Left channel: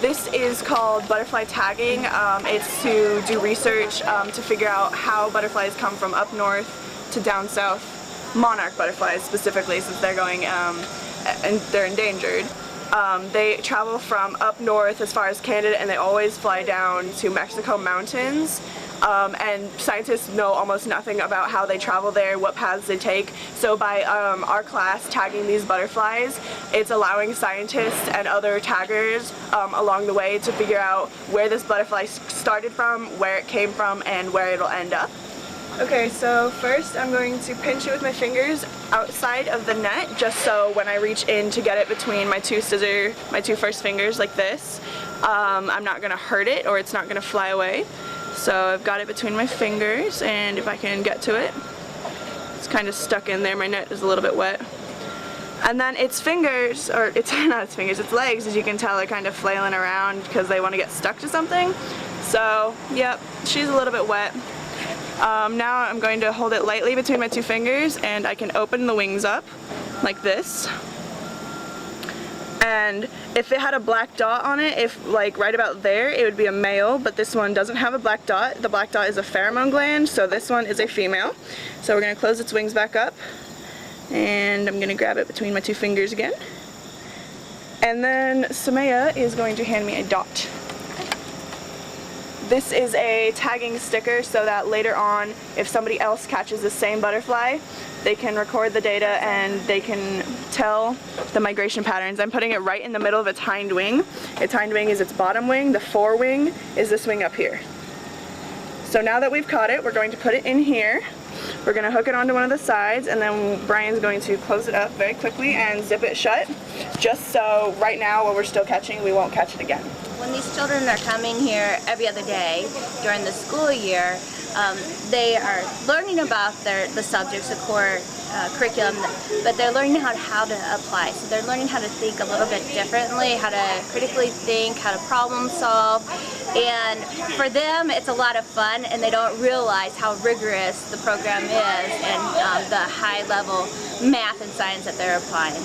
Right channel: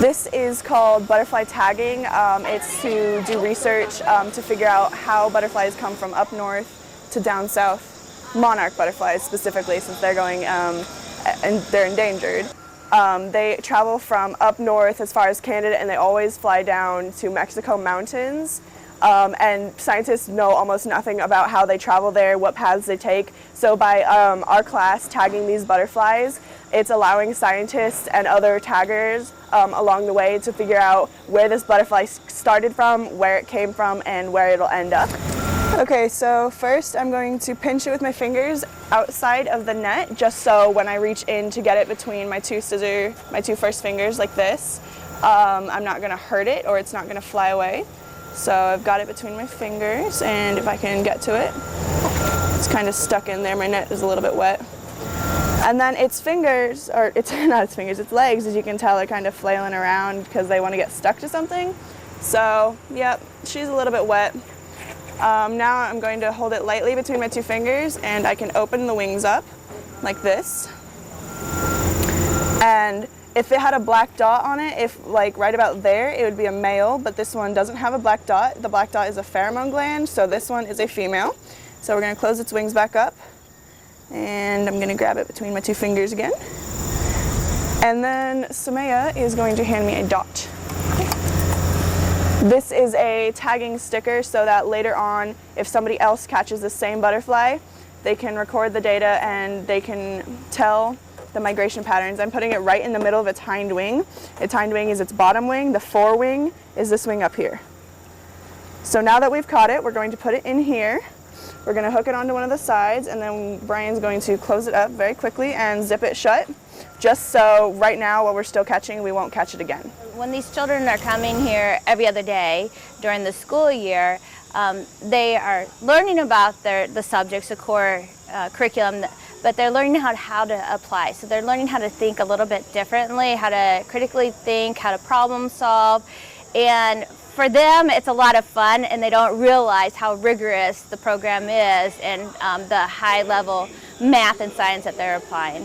This is called butterfly tagging. It's to do research to figure out how butterflies come from up north to down south. Monarch butterflies specifically, since they're going and they're endangered. They travel from up north as far as Canada, and they always fly down to Mexico mountains. And scientists know almost nothing about how they travel there, what paths they take. So by our class tagging these butterflies, it's allowing scientists and other taggers along the way to figure out where this butterfly started from, where it came from, and where it'll end up. Okay, so first I'm going to pinch it with my fingers outside of the net, just so when I reach in to get it between my two first fingers like this, I'm not gonna hurt it or it's not gonna fly away. So I've got it between my fingers, and if I can get to it, it's kind of stuck in there. My net is a little bit wet. And then its fingers, or it's not its fingers, its legs, as you can tell, are kind of flailing around because they want to get stuck to something. So, yep, she's a little bit wet. Now I'm going to hold it lightly between my two fingers, and I can open the wings up like this. And if it had a black dot on it, if like right about there, it would be a male, but this one doesn't have a black dot. The black dot is a pheromone gland, so this one is a female. So we're gonna close its wings back up, and I'm gonna grab it between my two fingers again. And then Samaya is going to hand me a dot. This is a tagging sticker so that later on, if somebody else catches the same butterfly, they can record the data and they can tell the migration patterns. I'm putting it right in the middle of its hind wing. Its hind wing is its bottom wing. The forewing is this wing up here. So now that we've caught it, we're going to put it in here. We're going to hook it onto one of the sides, and then Brian's going to close it up very quickly and zip it shut, just so right now while we're still catching, we won't catch it again. When these children are coming here every other day during the school year, they are learning about the subjects, the core curriculum, but they're learning how to apply. So they're learning how to think a little bit differently, how to critically think, how to problem solve. And for them, it's a lot of fun, and they don't realize how rigorous the program is and the high level math and science that they're applying.